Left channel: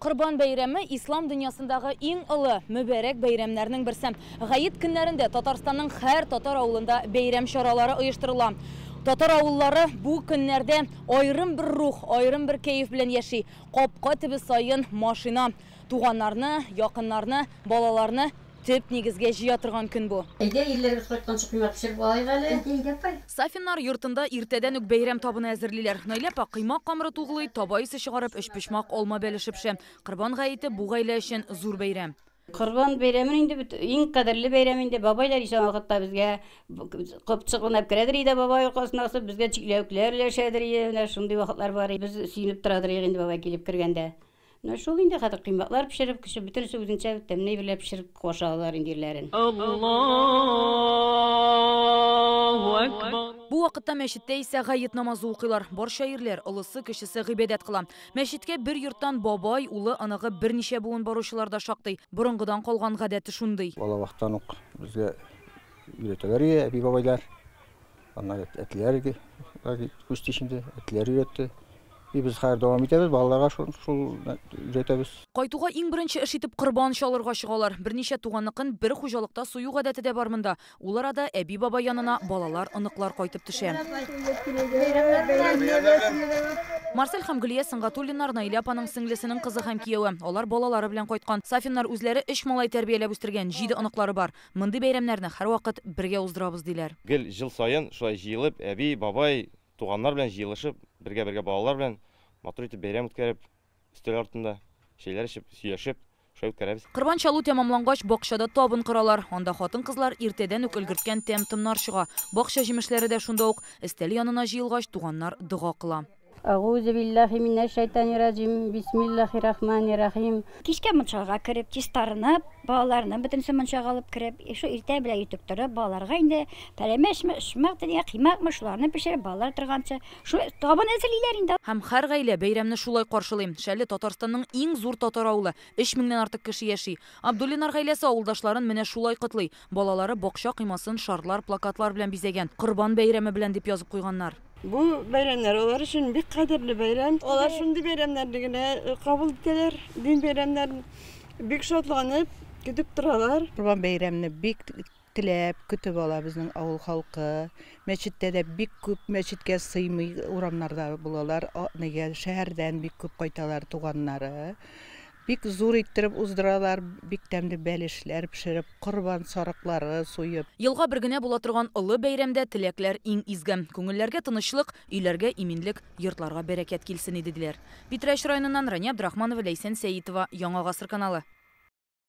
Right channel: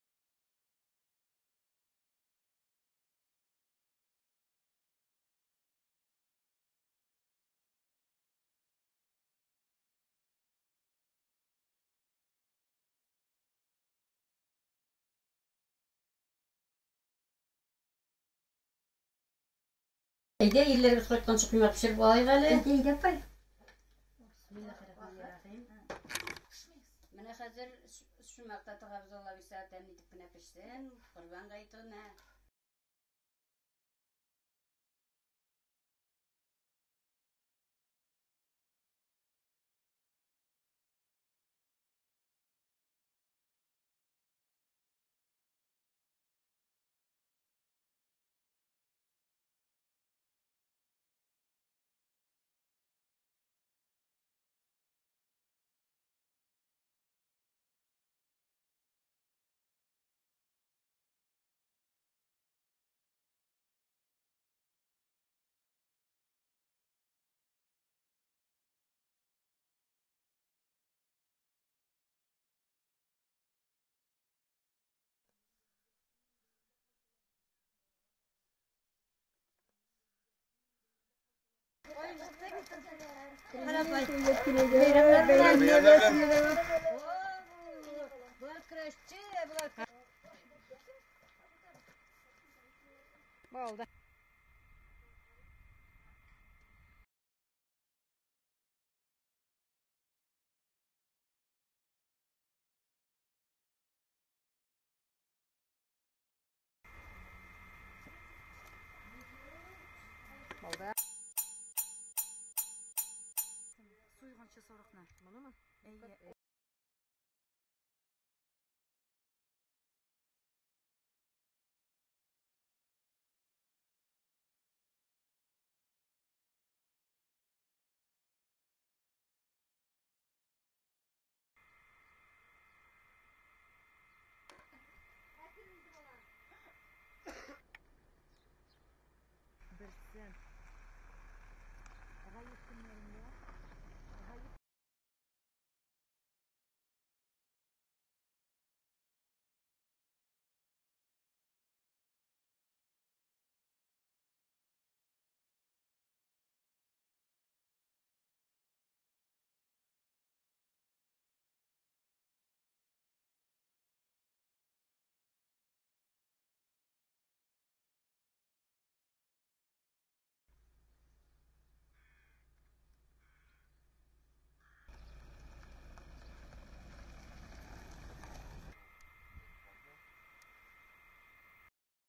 Құрбан бәйрәме ислам дүниясындағы ең ұлы мүбәрәк бәйрәмнәрнең берсе. Гайет көннәрендә Татарстанның һәр татар авылында бәйрәм чаралары оештырыла. Татар авыллары бу көннәрдә аерым бер рух, аерым бер кәеф белән яши. Капка төбе сайын машина туганнарны, якыннарны, балаларны төп нигезгә җыя торган көн бу. Сафиннар йортында иртәдән үк бәйрәм табыны әзерлиләр. Наиләпа кыймак камыры тугылый, табайсы чыгарып, өч пишмак алма бәлешепше. Корбан гаете бу гаилә өчен зур бәйрәм. Корбан бәйрәмен инде иң кадерле бәйрәм инде. Бабайлар ишан вакытта безгә кыпчыгынап керәдер иде, бабай касына асып безгә чикләүкләр өләшәдер иде. Шундый вакытлар бар. Без сөенеп торадыр инде бабай килеп кергәндә. Шул инде хәзер кыймаклар пешереп, кеше бөтенсе үзенчә тәмле берләп пешереп кошалар индирләрен. Бу вакытта мәчеттә исә гает намазы укыйлар. Бар шаирләр, олысы кешесе гыйбадәт кыла. Мәчеткә бер йорттан бабай, улы, аныгы берничә буын баручылар да шактый. Борынгыдан калган гадәте шундый. Бала вакыттан ук безгә өйрәтәләр, әби бабайлар. Аннан әтләргә, күз тишендә әтләр өйрәтте. Biz her devam ederiz, балаларга шул өйрәтәбез. Кайтуга иң беренче эш итеп корбан чалырга чыгалар. Берничә туганныкын бер хуҗалыкта сую гадәте дә бар монда. Ул арада әби бабай янына балалар, оныклар кайтып төшә. Марсель һәм Гөлия Сыңгатуллиннар Наиләпаның сеңлесенең кызы һәм кияве. Алар балалары белән кайткан. Сафиннар үзләре 3 малай тәрбияләп үстергән, 7 оныклары бар. Мондый бәйрәмнәрне һәрвакыт бергә уздырабыз диләр. Гел жыл сайын шулай җыелып, әби, бабай, туганнар белән җыелышып, бергә балалар белән матур итеп бәйрәм үткәреп, өстәл артында шәйләр эчеп, сөйләшеп, шулай үткәрәбез. Корбан чалу тәмамлангач, бакчада табын коралар. Анда хатын-кызлар иртәдән үк өлгерткән тәм-томнар чыга. Бакча җимешләре дә шунда ук. Өстәл янына җыелгач, туганнар дога кыла. Аузу биллахи минәш шайтанир-раҗим. Бисмиллаһир-рахманир-рахим. Кичкә мунчага кереп, чистарынып, балаларны бөтенсе мунчага алып кереп, шу иртә белән итеп торып, балаларга инде пәләмәшме, ишмәк дигән кыймакмы шуларны пешереп, балалар торганчы, шу табын әзерлиләр инде. Һәм һәр гаилә бәйрәмне шулай каршылый. Шәле Татарстанның иң зур татар авылы, 3 меңнән артык кеше яши. Абдуллинар гаиләсе авылдашларын менә шулай котлый. Балалары бакча кыймасын шарлар, плакатлар белән бизәгән. Корбан бәйрәме белән дип язып куйганнар. Бу бәйрәмнәр алар өчен бик кадерле бәйрәм. Алар шундый бәйрәмнәрне генә кабул итәләр. Дин бәйрәмнәрен бик шатланып көтеп торалар. Корбан бәйрәмне бик теләп көтеп ала безнең авыл халкы. Мәчеттә дә бик күп мәчеткә сыймый урамнарда булалар. Нигә шәһәрдән бик күп кайталар туганнары. Бик зур иттереп уздыралар, бик тәмле бәлешләр пешереп, корбан сарыклары суеп. Елга бер генә була торган олы бәйрәмдә теләкләр иң изге. Күңелләргә тынычлык, өйләргә иминлек, йортларга бәрәкәт килсен иде диләр. Питрәч районыннан Рания Абдрахманова, Ләйсән Сәетова, Яңа гасыр каналы.